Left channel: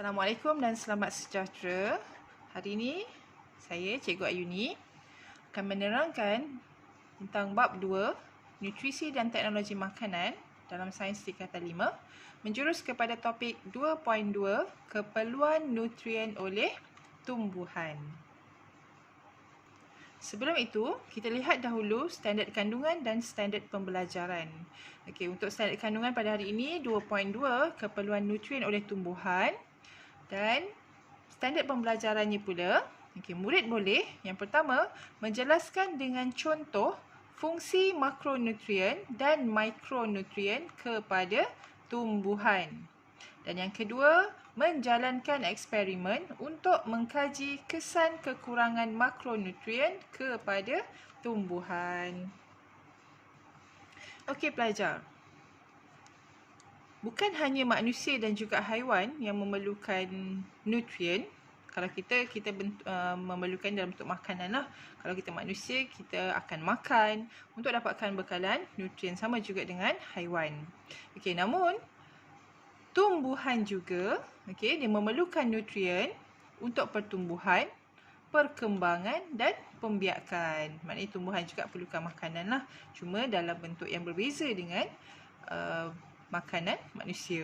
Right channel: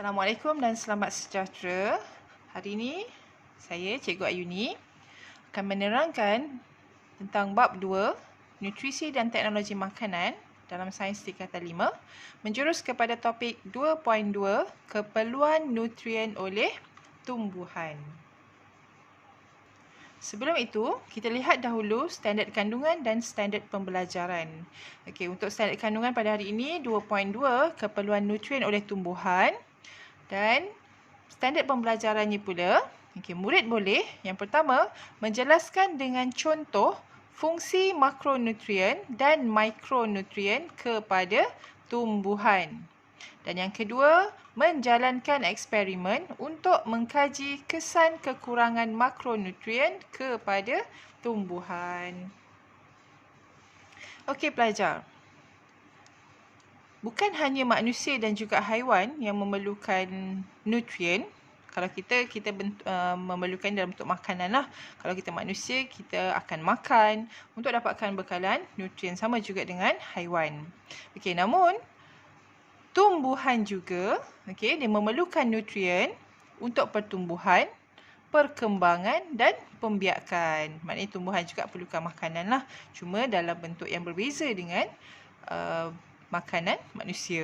Assalamualaikum dan selamat sejahtera. Hari ini saya, Cikgu Ayuni, akan menerangkan tentang bab 2, Nutrisi dan Teknologi Makanan dalam Sains Tingkatan 5, menjurus kepada topik 2.2, Keperluan Nutrien oleh Tumbuhan. Sebelum itu, kita lihat dahulu standard kandungan dan standard pembelajaran. Okey, untuk standard kandungan pada hari ini 2.2, Keperluan Nutrien oleh Tumbuhan. Dan standard pembelajarannya pula, murid boleh yang pertama menjelaskan dengan contoh fungsi makronutrien dan mikronutrien kepada tumbuhan. Dan yang kedua, menjalankan eksperimen untuk mengkaji kesan kekurangan makronutrien kepada tumbuhan. Okey pelajar. Bukan hanya manusia dan juga haiwan yang memerlukan nutrien. Kalau kita memerlukan dalam bentuk makanan lah. Kalau kita manusia, kita akan makan untuk dapatkan bekalan nutrien, sama juga dengan haiwan. Okey, namun tumbuhan juga dia memerlukan nutrien untuk pertumbuhan, perkembangan dan pembiakan. Maknanya tumbuhan juga perlukan makanan lah. Cuma dalam bentuk yang berbeza dengan makanan manusia.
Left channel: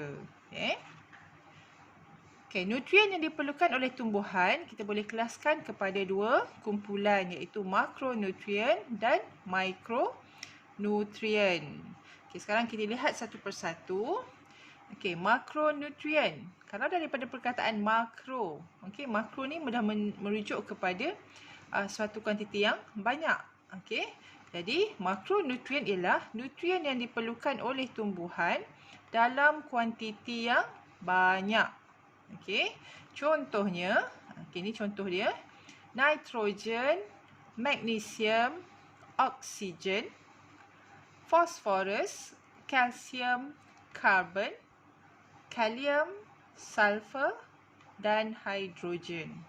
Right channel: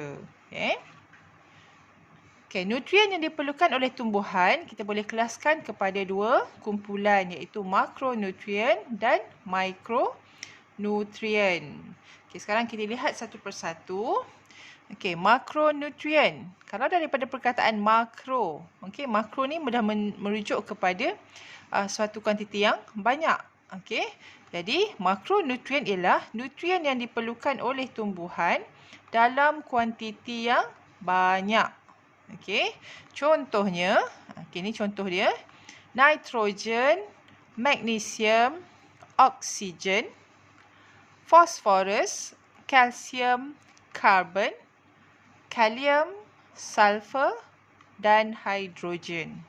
Okey, nutrien yang diperlukan oleh tumbuhan kita boleh kelaskan kepada dua kumpulan, iaitu makronutrien dan mikronutrien. Okey, sekarang kita lihat satu persatu. Okey, makronutrien. Kalau daripada perkataan makro, makro ni mudah merujuk kepada suatu kuantiti yang banyak. Okey. Jadi, makronutrien ialah nutrien yang diperlukan oleh tumbuhan dalam kuantiti yang banyak. Okey. Contohnya, ini contoh dia. Nitrogen, magnesium, oksigen, fosforus, kalsium, karbon, kalium, sulfur dan hidrogen.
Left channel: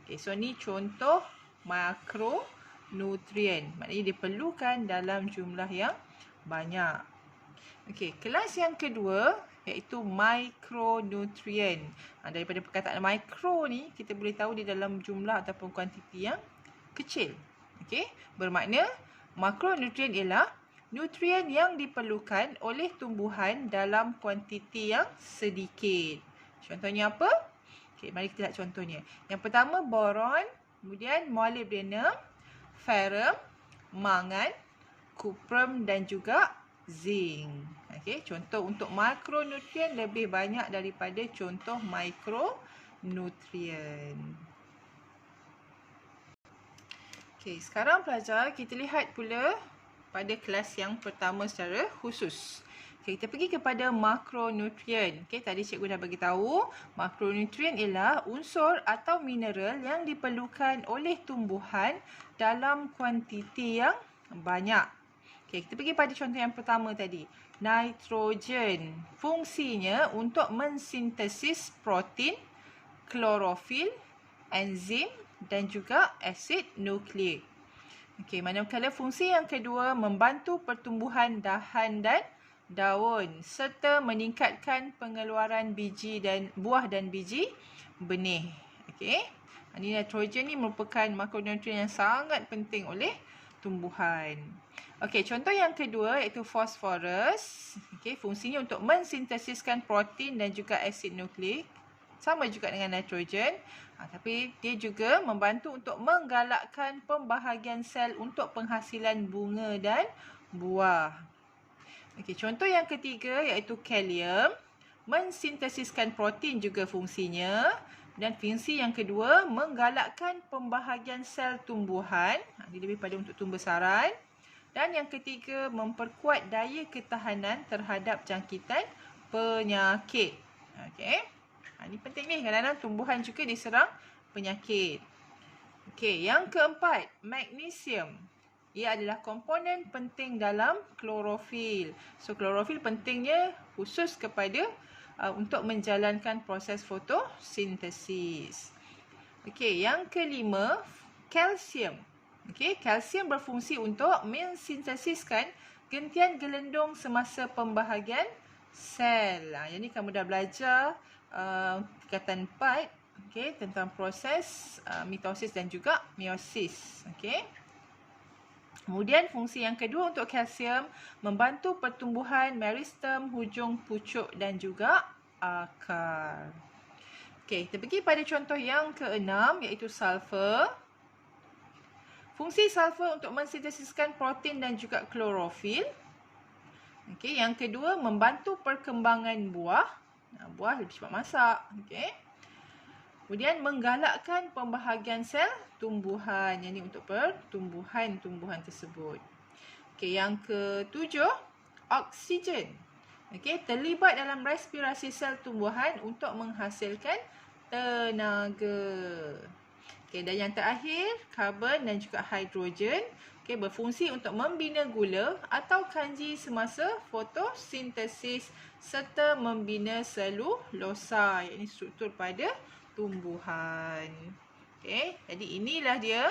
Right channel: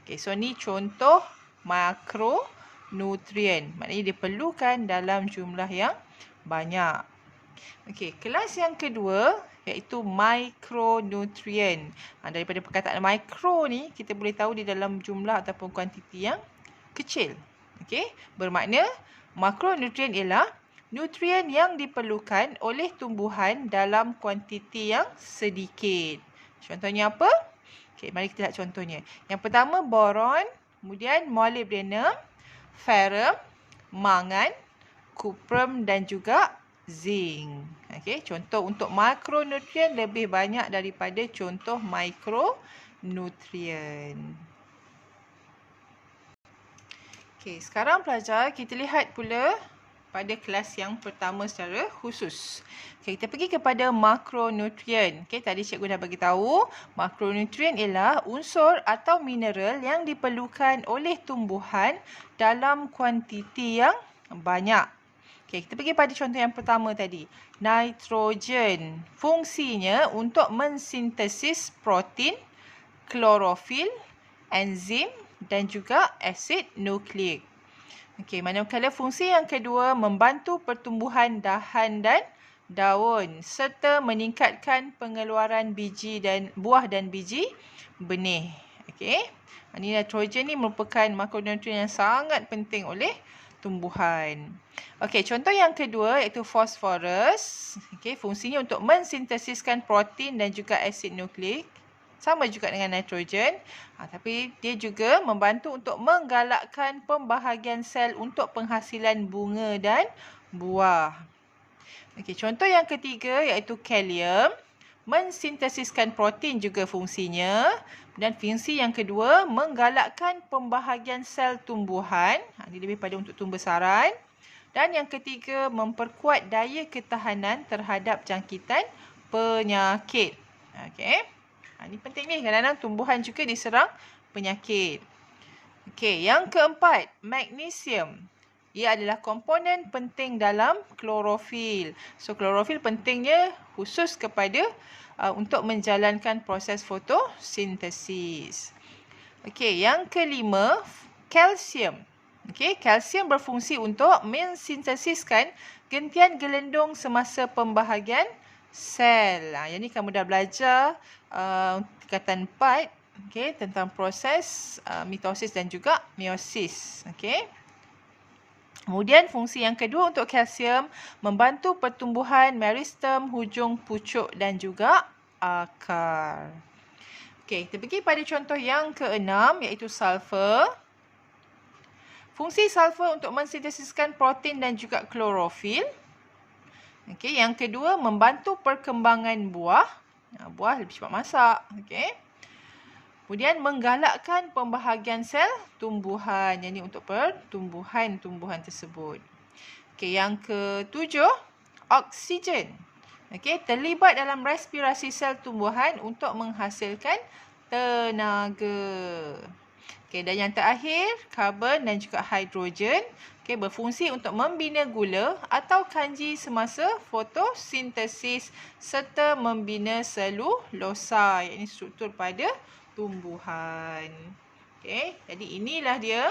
Okey, so ni contoh makronutrien. Maknanya diperlukan dalam jumlah yang banyak. Okey, kelas yang kedua iaitu mikronutrien. Daripada perkataan mikro ni kita boleh tahu di dalam jumlah ataupun kuantiti yang kecil. Okey, bermakna makronutrien ialah nutrien yang diperlukan oleh tumbuhan dalam kuantiti yang sedikit. Contohnya apa? Okey, mari kita lihat contohnya. Yang pertama boron, kemudian molybdenum, ferrum, mangan, kuprum dan juga zinc. Okey, contoh untuk makronutrien lebih banyak daripada contoh mikronutrien. Okey, sekarang pelajar kita lihat pula pada kelas yang pertama secara khusus. Okay, kita pergi kepada makronutrien. Okay, tadi cikgu dah bagi tahu, makronutrien ialah unsur atau mineral yang diperlukan oleh tumbuhan dalam kuantiti yang banyak. Okay, kita pergi pada contoh yang pertama tadi. Nitrogen. Fungsinya untuk mensintesis protein, klorofil, enzim dan juga asid nukleik. Okey, manakala fungsi yang kedua membantu pertumbuhan dahan dan daun serta meningkatkan pengeluaran biji dan buah dan biji benih. Okey. Ini nitrogen ni merupakan makronutrien yang sangat penting oleh tumbuhan. Okey, contoh yang kedua iaitu fosforus. Okey, fungsinya untuk mensintesiskan protein dan juga asid nukleik. Sama juga dengan nitrogen. Tapi dia juga membantu untuk menggalakkan pembahagian sel untuk penghasilan bunga dan buah. Okey, contoh yang ketiga iaitu kalium. Mensintesiskan protein juga fungsinya. Dan fungsi yang kedua menggalakkan pembahagian sel tumbuhan. Ini lebih pada untuk tumbesaran. Dan yang ketiga memperkuat daya ketahanan terhadap jangkitan penyakit. Okey. Ini penting ni, kadang-kadang tumbuhan juga diserang penyakit. Okey, yang keempat, magnesium. Ia adalah komponen penting dalam klorofil. So, klorofil pentingnya khusus kepada untuk menjalankan proses fotosintesis. Okey, yang kelima, kalsium. Okey, kalsium berfungsi untuk mensintesiskan gentian gelendung semasa pembahagian sel. Yang ni kamu dah belajar tingkatan 4, okey, tentang proses mitosis dan juga meiosis. Okey. Kemudian fungsi yang kedua untuk kalsium, membantu pertumbuhan meristem, hujung pucuk dan juga akar. Okey, kita pergi pada contoh yang keenam iaitu sulfur. Fungsi sulfur untuk mensintesiskan protein dan juga klorofil. Okey, yang kedua membantu perkembangan buah. Buah lebih cepat masak. Okey. Kemudian menggalakkan pembahagian sel tumbuhan. Yang ini untuk pertumbuhan tersebut. Okey, yang ketujuh, oksigen. Okey, terlibat dalam respirasi sel tumbuhan untuk menghasilkan tenaga. Okey, dan yang terakhir, karbon dan juga hidrogen. Okey, berfungsi untuk membina gula atau kanji semasa fotosintesis serta membina selulosa, iaitu struktur pada tumbuhan. Okey, jadi inilah dia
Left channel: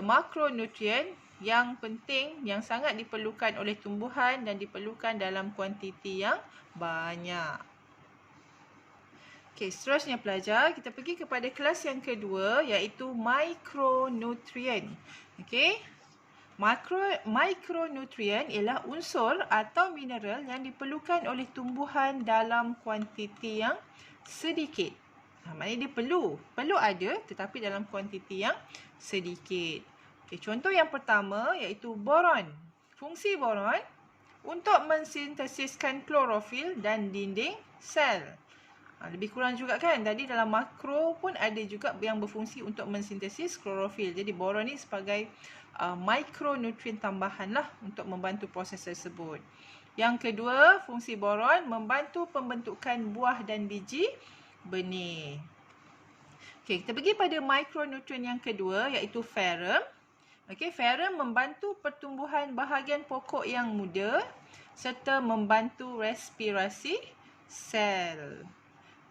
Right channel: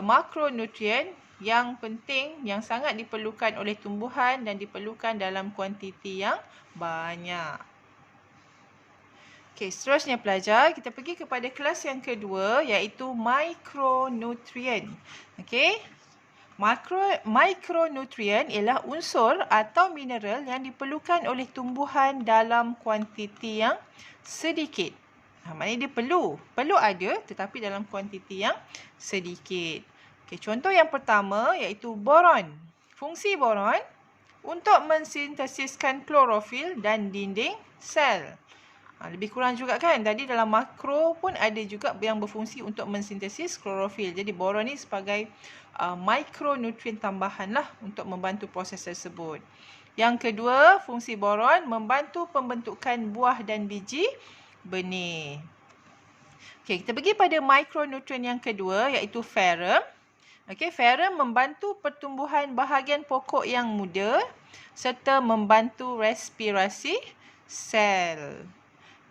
makronutrien yang penting, yang sangat diperlukan oleh tumbuhan dan diperlukan dalam kuantiti yang banyak. Okey, seterusnya pelajar, kita pergi kepada kelas yang kedua iaitu mikronutrien. Okey. Mikronutrien ialah unsur atau mineral yang diperlukan oleh tumbuhan dalam kuantiti yang sedikit. Maknanya dia perlu ada tetapi dalam kuantiti yang sedikit. Okay, contoh yang pertama iaitu boron. Fungsi boron untuk mensintesiskan klorofil dan dinding sel. Lebih kurang juga kan, tadi dalam makro pun ada juga yang berfungsi untuk mensintesis klorofil. Jadi boron ni sebagai mikronutrien tambahan lah untuk membantu proses tersebut. Yang kedua, fungsi boron membantu pembentukan buah dan biji benih. Okey, kita pergi pada mikronutrien yang kedua iaitu ferrum. Okey, ferrum membantu pertumbuhan bahagian pokok yang muda serta membantu respirasi sel.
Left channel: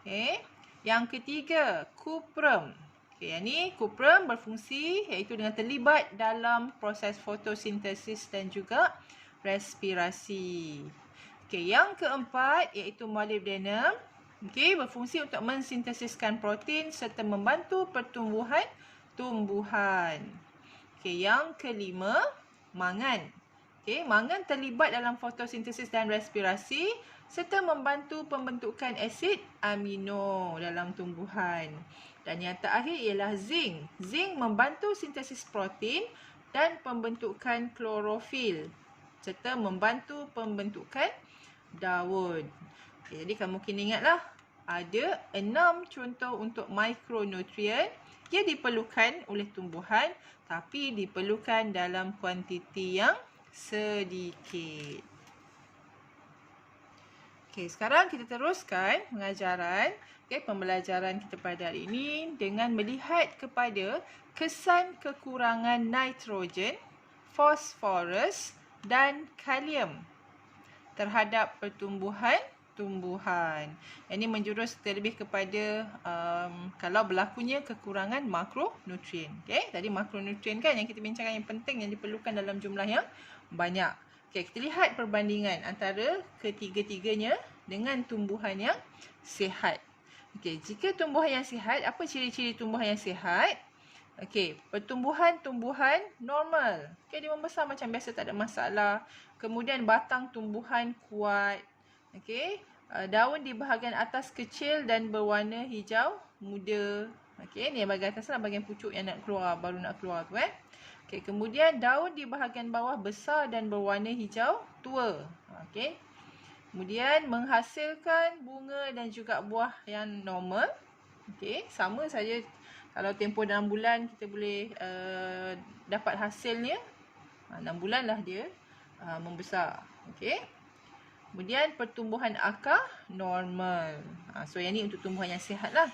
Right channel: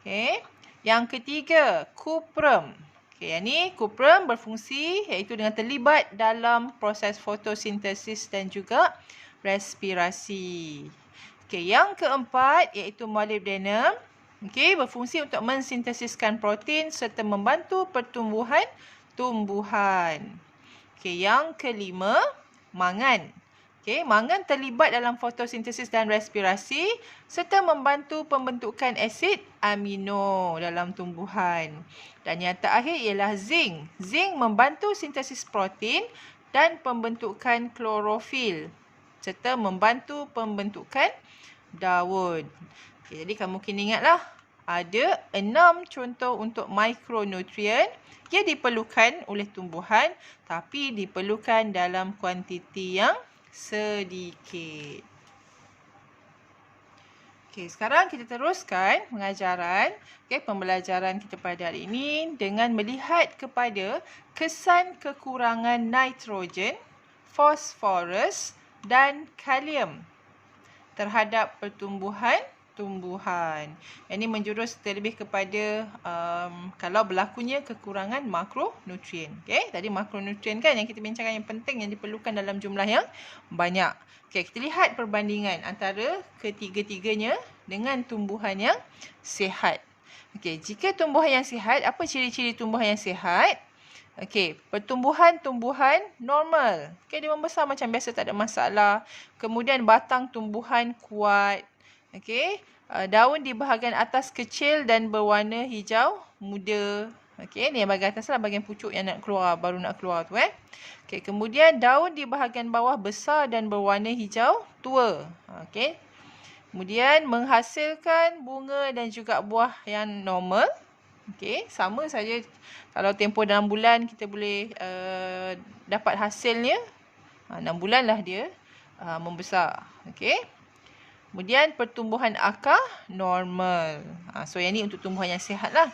Okey, yang ketiga, kuprum. Okey, yang ni kuprum berfungsi iaitu dengan terlibat dalam proses fotosintesis dan juga respirasi. Okey, yang keempat iaitu molybdenum. Okey, berfungsi untuk mensintesiskan protein serta membantu pertumbuhan tumbuhan. Okey, yang kelima, mangan. Okey, mangan terlibat dalam fotosintesis dan respirasi serta membantu pembentukan asid amino dalam tumbuhan. Dan yang terakhir ialah zinc. Zinc membantu sintesis protein dan pembentukan klorofil serta membantu pembentukan daun. Okay, jadi kamu kena ingatlah, ada 6 contoh untuk mikronutrien yang diperlukan oleh tumbuhan tapi diperlukan dalam kuantiti yang sedikit. Okey, sekarang kita teruskan pengajaran, pembelajaran kita pada hari ini dengan melihat kepada kesan kekurangan nitrogen, fosforus dan kalium terhadap pertumbuhan. Ini menjurus terlebih kepada kalau berlakunya kekurangan makronutrien. Okey, tadi makronutrien kan yang kita bincangkan yang penting yang diperlukan dalam jumlah yang banyak. Okey, kita lihat perbandingan antara ketiga-tiganya dengan tumbuhan yang sihat. Okey, jika tumbuhan yang sihat, apa ciri-ciri tumbuhan yang sihat? Okey, pertumbuhan normal. Okey, dia membesar macam biasa, tak ada masalah. Kemudian batang tumbuhan kuat. Okey, daun di bahagian atas kecil dan berwarna hijau muda. Okey, ni yang bahagian atas lah, bahagian pucuk yang baru nak keluar tu Okey, kemudian daun di bahagian bawah besar dan berwarna hijau tua. Okey. Kemudian menghasilkan bunga dan juga buah yang normal. Okey, sama saja kalau tempoh dalam bulan kita boleh dapat hasilnya. 6 bulan lah dia membesar. Okey. Kemudian pertumbuhan akar normal. So yang ni untuk tumbuhan yang sihat lah.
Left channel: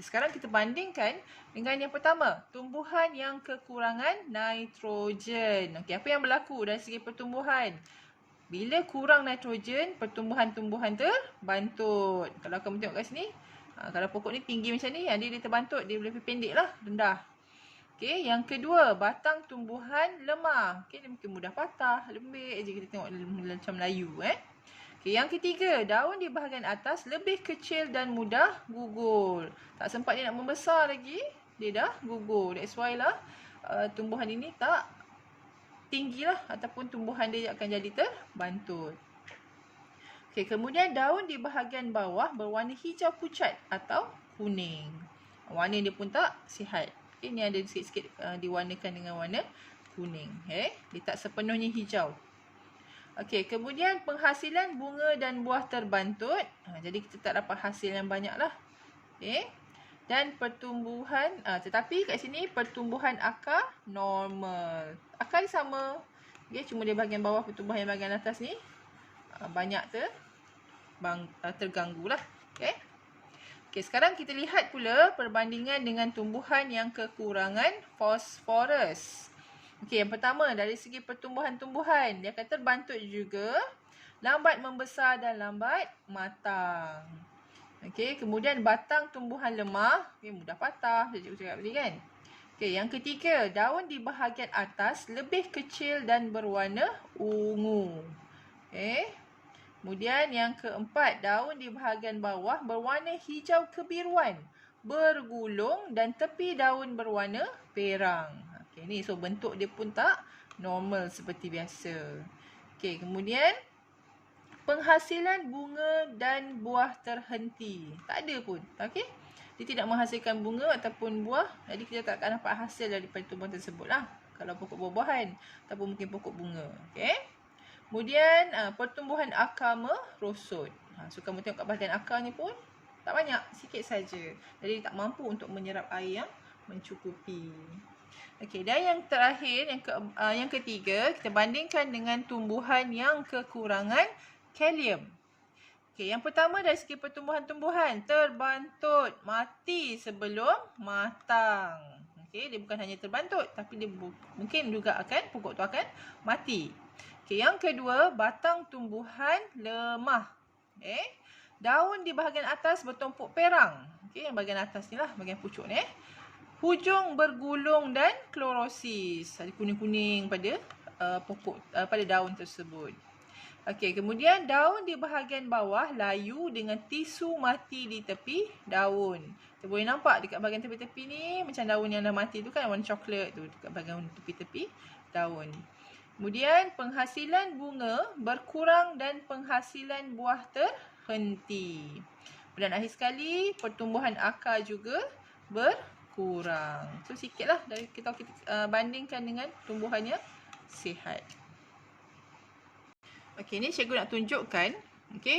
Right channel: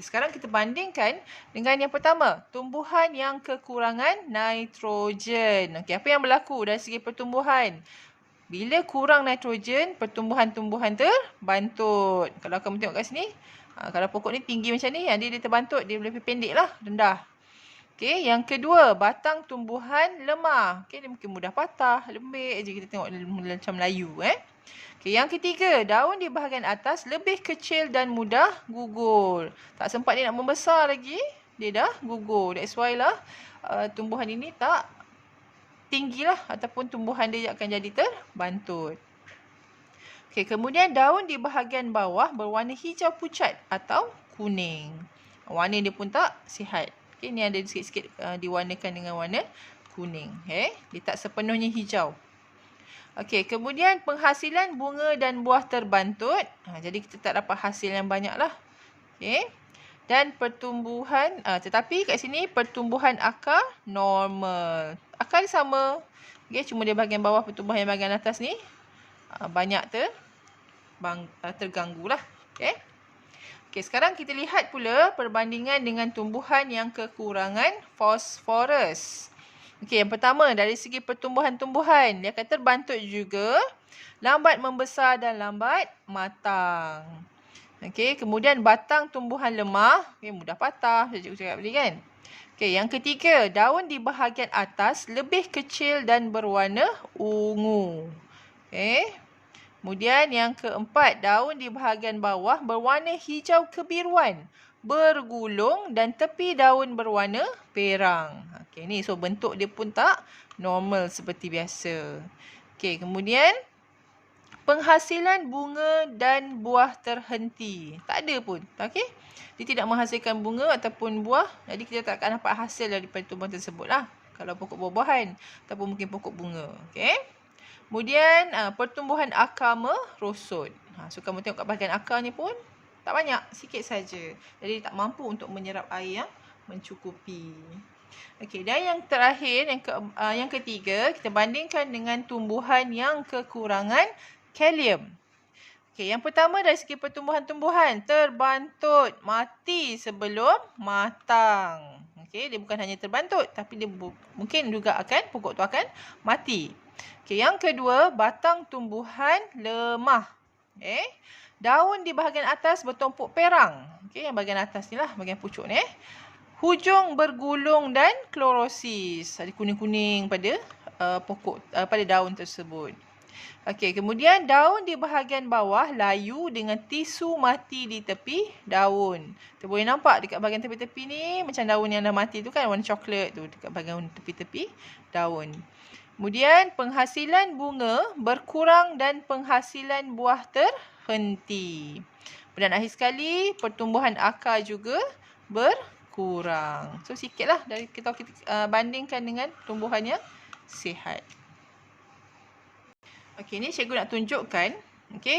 Sekarang kita bandingkan dengan yang pertama, tumbuhan yang kekurangan nitrogen. Okey, apa yang berlaku dari segi pertumbuhan? Bila kurang nitrogen, pertumbuhan-tumbuhan terbantut. Kalau kamu tengok kat sini, kalau pokok ni tinggi macam ni, dia terbantut, dia lebih pendek lah, rendah. Okey, yang kedua, batang tumbuhan lemah. Okey, dia mungkin mudah patah, lembik je kita tengok macam Melayu Okey, yang ketiga, daun di bahagian atas lebih kecil dan mudah gugur. Tak sempat dia nak membesar lagi, dia dah gugur. That's why lah tumbuhan ini tak tinggilah ataupun tumbuhan dia akan jadi terbantut. Okey, kemudian daun di bahagian bawah berwarna hijau pucat atau kuning. Warna dia pun tak sihat. Okey, ni ada sikit-sikit diwarnakan dengan warna kuning. Dia tak sepenuhnya hijau. Okey, kemudian penghasilan bunga dan buah terbantut. Jadi kita tak dapat hasil yang banyak lah. Okey. Dan pertumbuhan, tetapi kat sini pertumbuhan akar normal. Akar dia sama. Okey, cuma di bahagian bawah pertumbuhan yang bahagian atas ni banyak terganggu lah. Okey. Okey, sekarang kita lihat pula perbandingan dengan tumbuhan yang kekurangan fosforus. Okey, yang pertama dari segi pertumbuhan tumbuhan, dia akan terbantut juga, lambat membesar dan lambat matang. Okey, kemudian batang tumbuhan lemah, mudah patah, saya cikgu cakap tadi kan. Okey, yang ketiga, daun di bahagian atas lebih kecil dan berwarna ungu. Okey. Kemudian yang keempat, daun di bahagian bawah berwarna hijau kebiruan, bergulung dan tepi daun berwarna perang. Okey, ni so bentuk dia pun tak normal seperti biasa. Okey, kemudian penghasilan bunga dan buah terhenti. Tak ada pun. Okey. Dia tidak menghasilkan bunga ataupun buah, jadi kita tak akan dapat hasil daripada tumbuhan tersebut lah. Kalau pokok buah-buahan ataupun mungkin pokok bunga. Okey. Kemudian pertumbuhan akar merosot. So kamu tengok kat bahagian akar ni pun tak banyak, sikit saja. Jadi tak mampu untuk menyerap air yang mencukupi. Okey, dan yang terakhir, yang ketiga, kita bandingkan dengan tumbuhan yang kekurangan kalium. Okey, yang pertama dari segi pertumbuhan tumbuhan, terbantut, mati sebelum matang. Okey, dia bukan hanya terbantut, tapi dia mungkin juga pokok tu akan mati. Okey, yang kedua, batang tumbuhan lemah. Daun di bahagian atas bertumpuk perang. Okey, yang bahagian atas ni lah, bahagian pucuk ni. Hujung bergulung dan klorosis. Ada kuning-kuning pada pokok, pada daun tersebut. Okey, kemudian daun di bahagian bawah layu dengan tisu mati di tepi daun. Kita boleh nampak dekat bahagian tepi-tepi ni macam daun yang dah mati tu kan, warna coklat tu dekat bahagian tepi-tepi daun. Kemudian penghasilan bunga berkurang dan penghasilan buah terhenti. Dan akhir sekali pertumbuhan akar juga berkurang. So sikitlah dari kita bandingkan dengan tumbuhan yang sihat. Okey, ni cikgu nak tunjukkan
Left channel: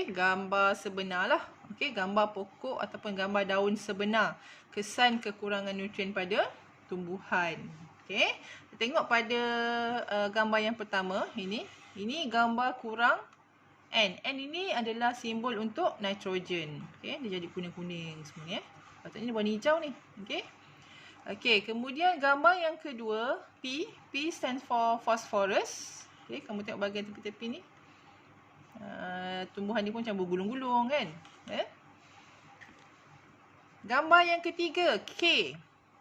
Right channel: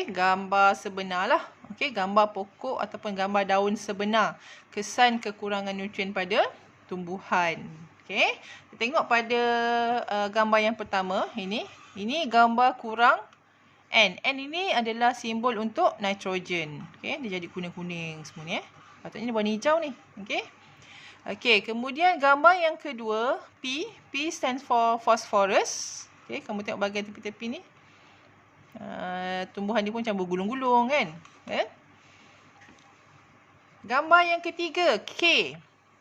gambar sebenar lah. Gambar pokok ataupun gambar daun sebenar. Kesan kekurangan nutrien pada tumbuhan. Kita tengok pada gambar yang pertama ini. Ini gambar kurang N. N ini adalah simbol untuk nitrogen. Dia jadi kuning-kuning semua ni. Patutnya ni warna hijau ni. Okey, kemudian gambar yang kedua, P. P stands for phosphorus. Kamu tengok bahagian tepi-tepi ni. Tumbuhan ni pun macam bergulung-gulung kan. Gambar yang ketiga, K.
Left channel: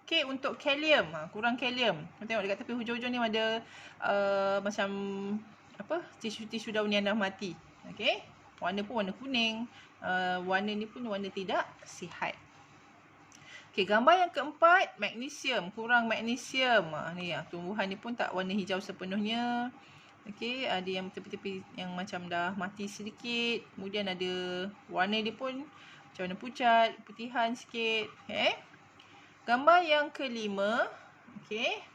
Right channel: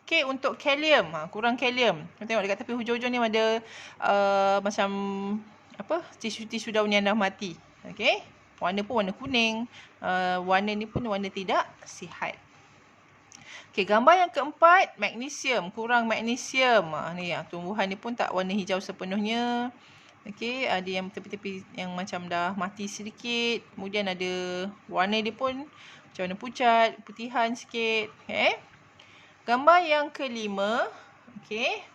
K untuk kalium. Kurang kalium. Tengok dekat tepi hujung-hujung ni ada macam tisu-tisu daun yang dah mati. Warna pun warna kuning. Warna ni pun warna tidak sihat. Gambar yang keempat, magnesium. Kurang magnesium. Ni tumbuhan ni pun tak warna hijau sepenuhnya. Ada yang tepi-tepi yang macam dah mati sedikit. Kemudian ada warna dia pun macam warna pucat, putihan sikit. Gambar yang kelima,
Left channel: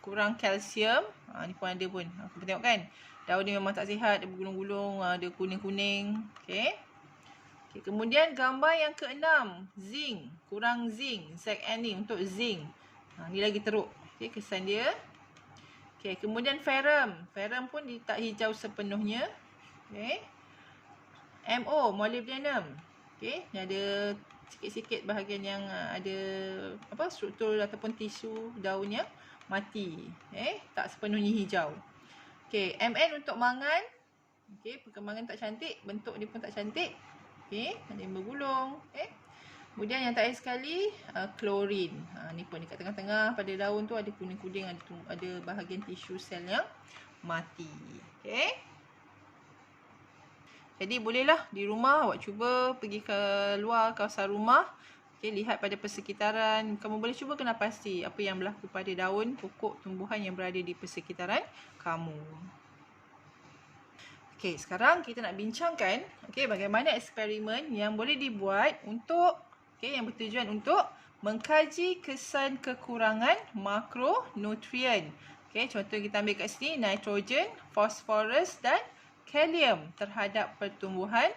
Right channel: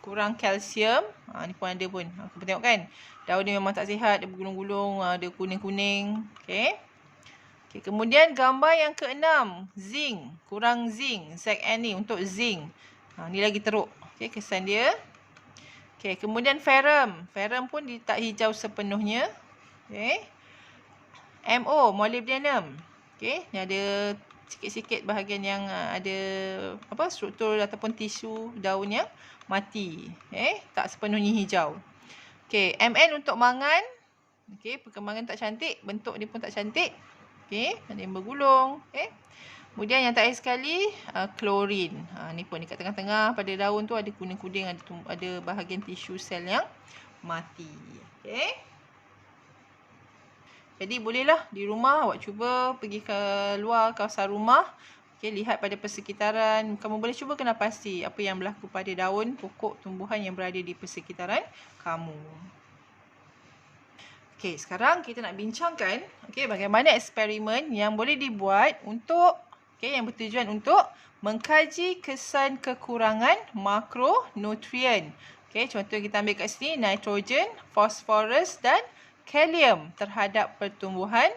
kurang kalsium. Ni pun ada pun. Kamu tengok kan? Daun dia memang tak sihat, dia bergulung-gulung, ada kuning-kuning. Kemudian gambar yang keenam, zinc. Kurang zinc. ZN ni untuk zinc. Ni lagi teruk. Kesan dia. Kemudian ferrum. Ferrum pun dia tak hijau sepenuhnya. MO, molybdenum. Ni ada sikit-sikit bahagian yang ada struktur ataupun tisu daun yang mati. Tak sepenuhnya hijau. MN untuk mangan. Perkembangan tak cantik, bentuk dia pun tak cantik. Ada yang bergulung. Kemudian yang terakhir sekali, klorin. Ni pun dekat tengah-tengah pada daun tu ada kuning-kuning, ada bahagian tisu sel yang mati. Jadi bolehlah di rumah awak cuba pergi ke luar kawasan rumah. Okey, lihat pada persekitaran. Kamu boleh cuba kena pasti apa yang berlaku pada daun, pokok, tumbuhan yang berada di persekitaran kamu. Okey, sekarang kita nak bincangkan bagaimana eksperimen yang boleh dibuat untuk yang bertujuan untuk mengkaji kesan kekurangan makronutrien. Contoh kita ambil kat sini nitrogen, fosforus dan kalium terhadap pertumbuhan.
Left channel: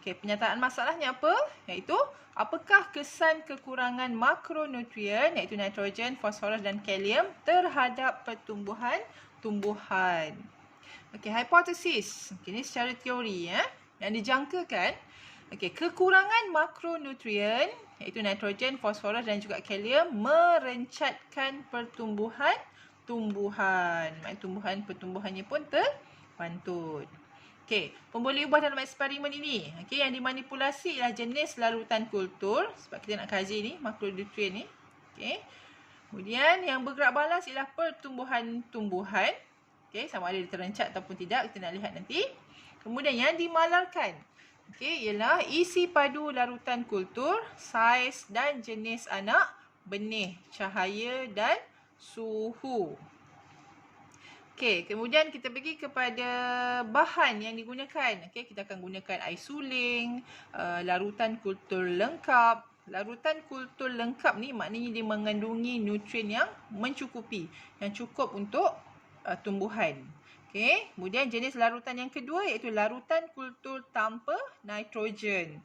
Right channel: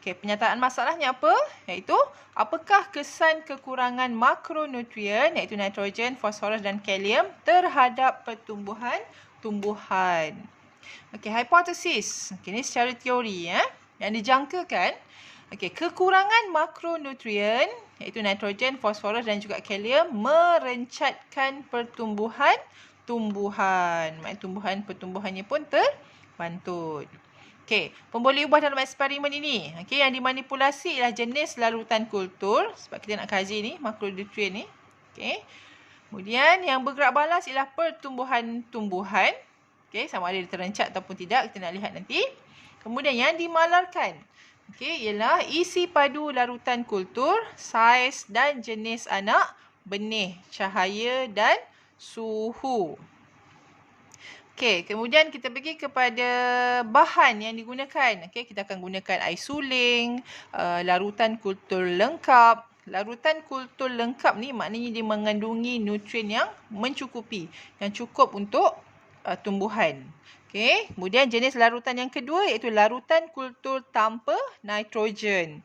Penyataan masalahnya apa? Iaitu apakah kesan kekurangan makronutrien iaitu nitrogen, fosforus dan kalium terhadap tumbuhan. Hipotesis. Ini secara teori yang dijangkakan. Kekurangan makronutrien iaitu nitrogen, fosforus dan juga kalium merencatkan pertumbuhan. Pertumbuhannya pun terbantut. Pemboleh ubah dalam eksperimen ini. Yang dimanipulasi ialah jenis larutan kultur. Sebab kita nak kaji ni, makronutrien ni. Kemudian yang bergerak balas ialah pertumbuhan. Sama ada dia terencat ataupun tidak, kita nak lihat nanti. Kemudian yang dimalarkan ialah isi padu larutan kultur, saiz dan jenis anak benih, cahaya dan suhu. Kemudian kita pergi kepada bahan yang digunakan. Kita akan gunakan air suling, larutan kultur lengkap. Larutan kultur lengkap ni maknanya dia mengandungi nutrien yang mencukupi, yang cukup untuk tumbuhan. Kemudian jenis larutan yang kedua iaitu larutan kultur tanpa nitrogen.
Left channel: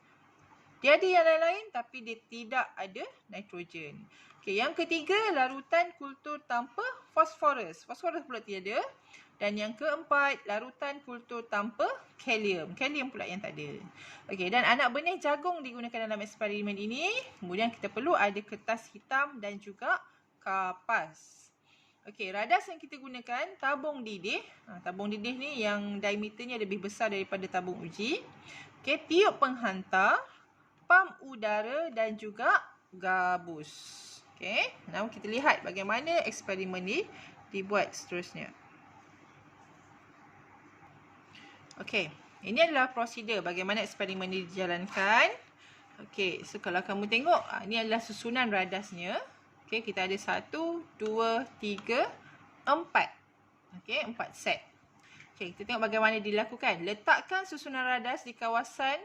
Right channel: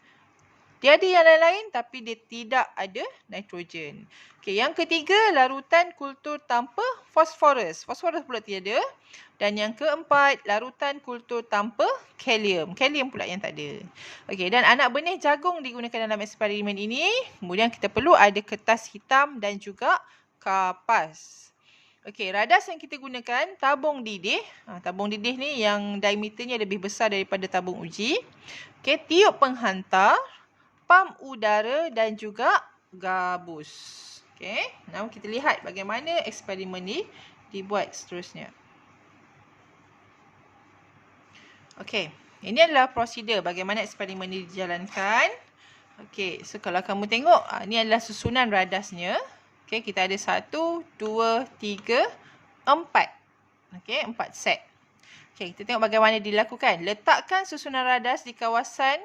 Dia ada yang lain-lain tapi dia tidak ada nitrogen. Yang ketiga larutan kultur tanpa fosforus. Fosforus pula tiada. Dan yang keempat larutan kultur tanpa kalium. Kalium pula yang tak ada. Dan anak benih jagung digunakan dalam eksperimen ini. Kemudian kita perlu ada kertas hitam dan juga kapas. Radas yang kita gunakan tabung didih. Tabung didih ni yang diameternya lebih besar daripada tabung uji. Tiup penghantar, pam udara dan juga gabus. Now kita lihat bagaimana eksperimen ni dibuat seterusnya. Ini adalah prosedur bagaimana eksperimen ni dijalankan. So kalau kamu tengok, ni adalah susunan radasnya. Kita ada 1, 2, 3, 4. 4 set. Kita tengok bagaimana dilakukan. Letakkan susunan radas di kawasan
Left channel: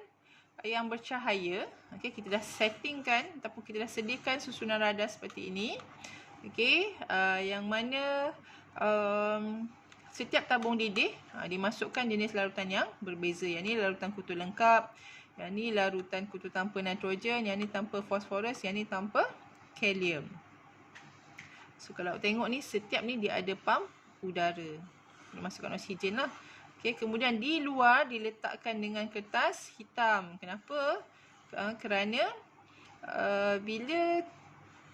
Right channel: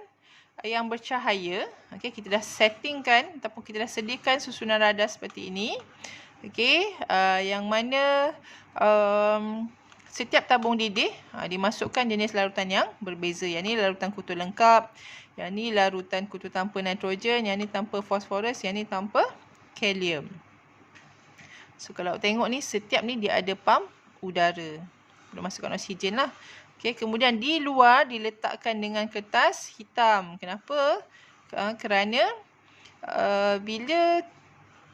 yang bercahaya. Kita dah settingkan ataupun kita dah sediakan susunan radas seperti ini. Yang mana setiap tabung didih dimasukkan jenis larutan yang berbeza. Yang ni larutan kultur lengkap. Yang ni larutan kultur tanpa nitrogen. Yang ni tanpa fosforus. Yang ni tanpa kalium. So kalau tengok ni setiap ni dia ada pam udara. Nak masukkan oksigen lah. Kemudian di luar diletakkan dengan kertas hitam. Kenapa? Kerana bila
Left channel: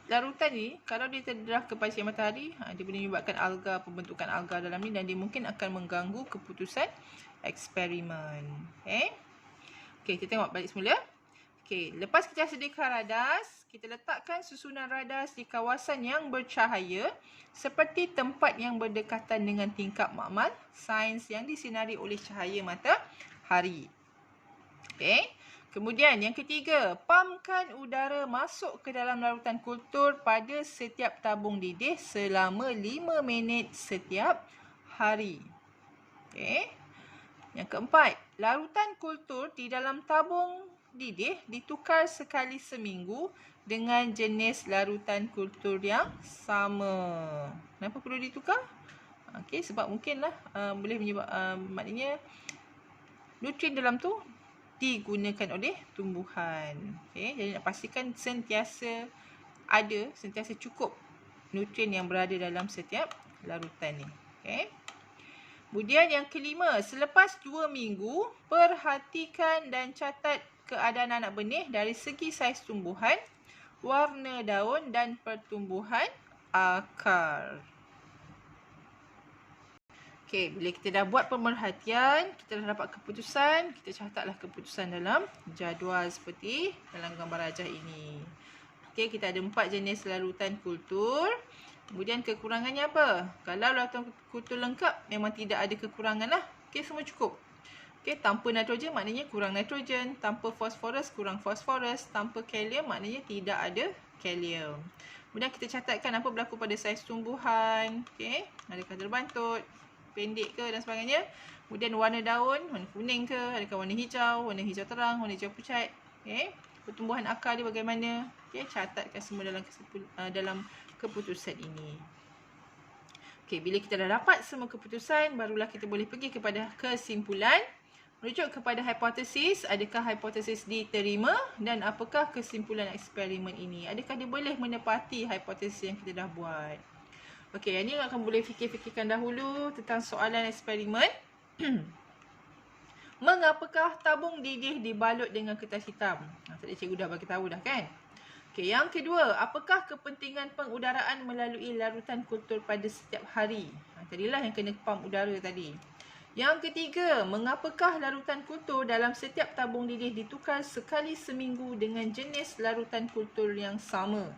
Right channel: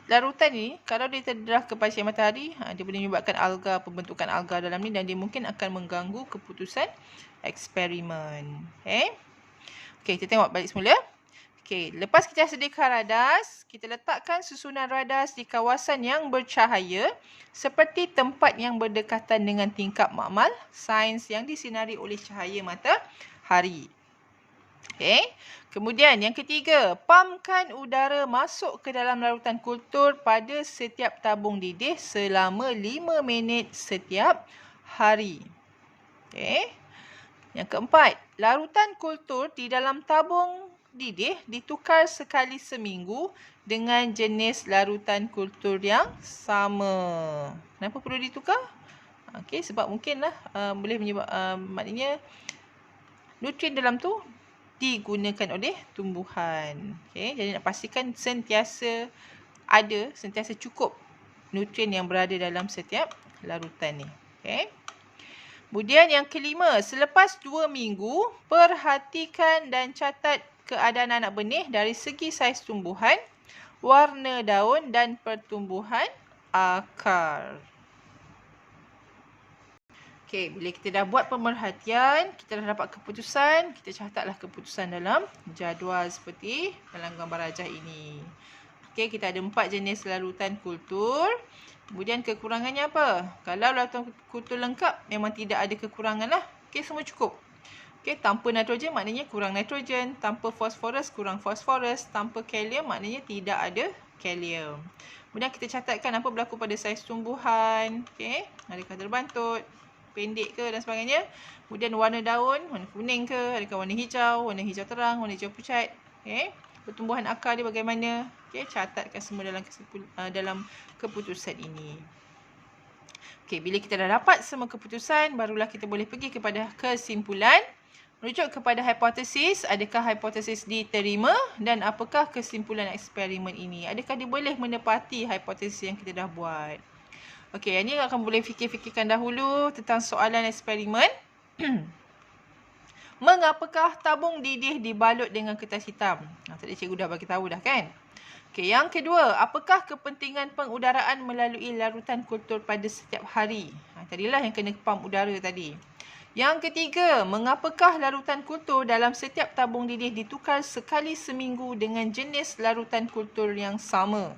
larutan ni kalau dia terdedah kepada sinar matahari, dia boleh menyebabkan alga, pembentukan alga dalam ni dan dia mungkin akan mengganggu keputusan eksperimen. Kita tengok balik semula. Lepas kita sediakan radas, kita letakkan susunan radas di kawasan yang bercahaya seperti tempat yang berdekatan dengan tingkap makmal sains yang disinari oleh cahaya matahari. Kemudian yang ketiga, pamkan udara masuk ke dalam larutan kultur pada setiap tabung didih selama 5 minit setiap hari. Yang keempat, larutan kultur di dalam tabung didih ditukar sekali seminggu dengan jenis larutan kultur yang sama. Kenapa perlu ditukar? Sebab mungkinlah boleh menyebab maknanya nutrien dalam tu digunakan oleh tumbuhan. Jadi nak pastikan sentiasa cukup nutrien yang berada dalam setiap larutan ni. Kemudian yang kelima, selepas 2 minggu, perhatikan dan catat keadaan anak benih dari segi saiz tumbuhan, warna daun dan pertumbuhan akar. Bila kita dah buat pemerhatian, kita dah dapat keputusan, kita catatlah keputusan dalam jadual seperti dalam gambar rajah ini. Kita ada 4 jenis larutan kultur. Kemudian kekurangannya apa? Kalau larutan kultur lengkap, memang tidak ada kekurangan lah. Semua cukup. Okey, tanpa nitrogen maknanya kurang nitrogen, tanpa fosforus kurang fosforus, tanpa kalium maknanya tidak ada kalium. Kemudian kita catatkan apa berlaku pada saiz tumbuhan. Okey, adakah terbantut, pendek ke dan sebagainya. Kemudian warna daun, warna kuning ke, adakah warna hijau terang, warna hijau pucat. Okey, pertumbuhan akar dia bagaimana. Okey, catatkan semua dalam keputusan ini. Okey, bila kita dah dapat semua keputusan, barulah kita boleh pergi kepada kesimpulan. Merujuk kepada hipotesis, adakah hipotesis diterima dan apakah kesimpulan eksperimen ini? Adakah dia boleh menepati hipotesis yang kita dah buat? Okey, yang ni akan boleh fikir-fikirkan dahulu tentang soalan eksperimen. Mengapakah tabung didih dibalut dengan kertas hitam? Tadi cikgu dah bagi tahu dah kan? Okey, yang kedua, apakah kepentingan pengudaraan melalui larutan kultur pada setiap hari? Tadilah yang kena pam udara tadi. Yang ketiga, mengapakah larutan kultur dalam setiap tabung didih ditukar sekali seminggu dengan jenis larutan kultur yang sama?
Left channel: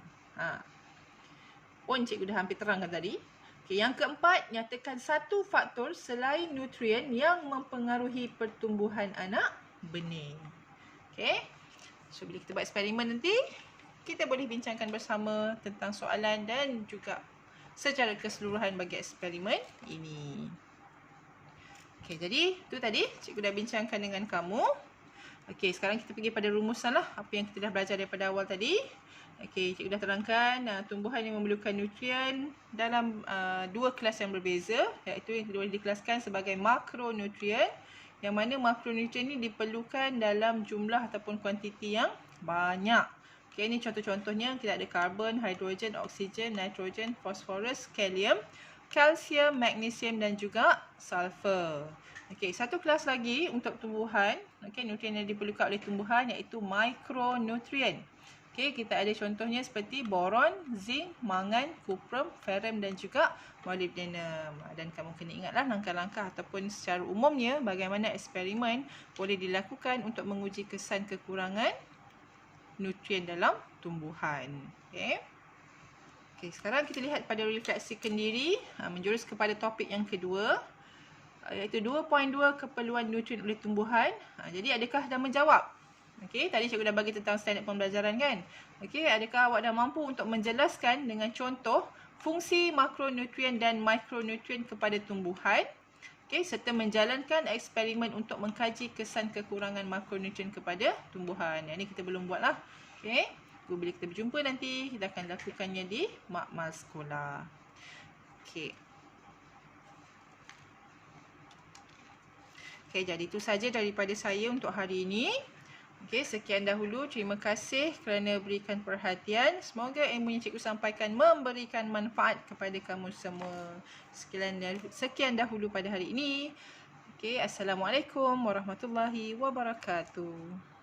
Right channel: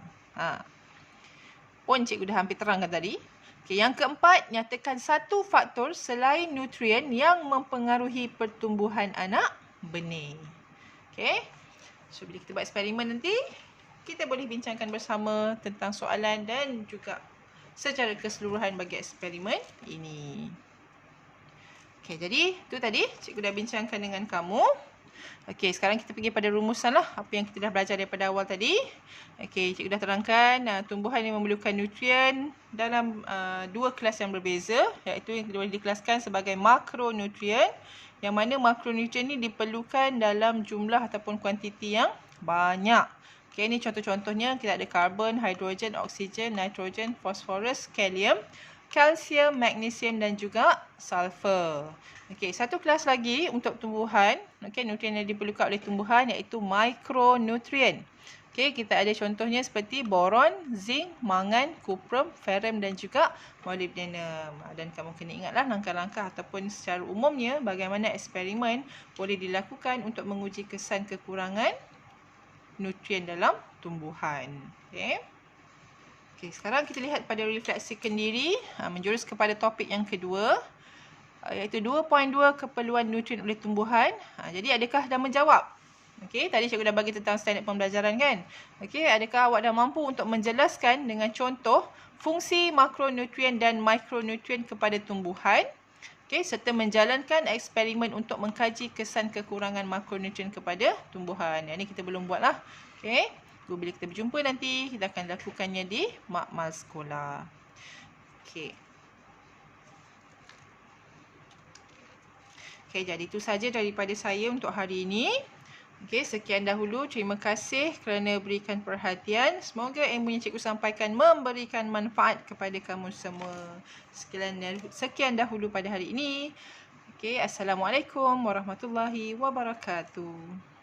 Pun cikgu dah hampir terangkan tadi. Okey, yang keempat, nyatakan satu faktor selain nutrien yang mempengaruhi pertumbuhan anak benih. Okey. So, bila kita buat eksperimen nanti, kita boleh bincangkan bersama tentang soalan dan juga secara keseluruhan bagi eksperimen ini. Okey, jadi tu tadi cikgu dah bincangkan dengan kamu. Okey, sekarang kita pergi pada rumusan lah. Apa yang kita dah belajar daripada awal tadi. Okey, cikgu dah terangkan tumbuhan yang memerlukan nutrien dalam dua kelas yang berbeza. Iaitu yang boleh dikelaskan sebagai makronutrien. Yang mana makronutrien ni diperlukan dalam jumlah ataupun kuantiti yang banyak. Okey, ini contoh-contohnya kita ada karbon, hidrogen, oksigen, nitrogen, fosforus, kalium, kalsium, magnesium dan juga sulfur. Okey, satu kelas lagi untuk tumbuhan. Okey, nutrien yang diperlukan oleh tumbuhan iaitu mikronutrien. Okey, kita ada contohnya seperti boron, zinc, mangan, kuprum, ferrum dan juga molybdenum. Dan kamu kena ingatlah langkah-langkah ataupun secara umumnya bagaimana eksperimen boleh dilakukan untuk menguji kesan kekurangan nutrien dalam tumbuhan. Okey. Okey, sekarang kita lihat pada refleksi kendiri menjurus kepada topik yang kedua iaitu 2.2 keperluan nutrien oleh tumbuhan. Jadi adakah dah menjawab? Okey, tadi cikgu dah bagi tentang standard pembelajaran kan? Okey, adakah awak dah mampu untuk menjelaskan dengan contoh fungsi makronutrien dan mikronutrien kepada tumbuhan? Okey, serta menjalankan eksperimen untuk mengkaji kesan kekurangan makronutrien kepada tumbuhan. Yang ni kita belum buat lah. Okey, bila kita berjumpa nanti, kita akan lakukannya di makmal sekolah. Okey. Okey, jadi itu saja daripada saya untuk hari ini. Okey, sekian dahulu. Terima kasih kerana berikan perhatian. Semoga ilmu yang cikgu sampaikan memberikan manfaat kepada kamu semua. Sekian dahulu pada hari ini. Okey, Assalamualaikum warahmatullahi wabarakatuh.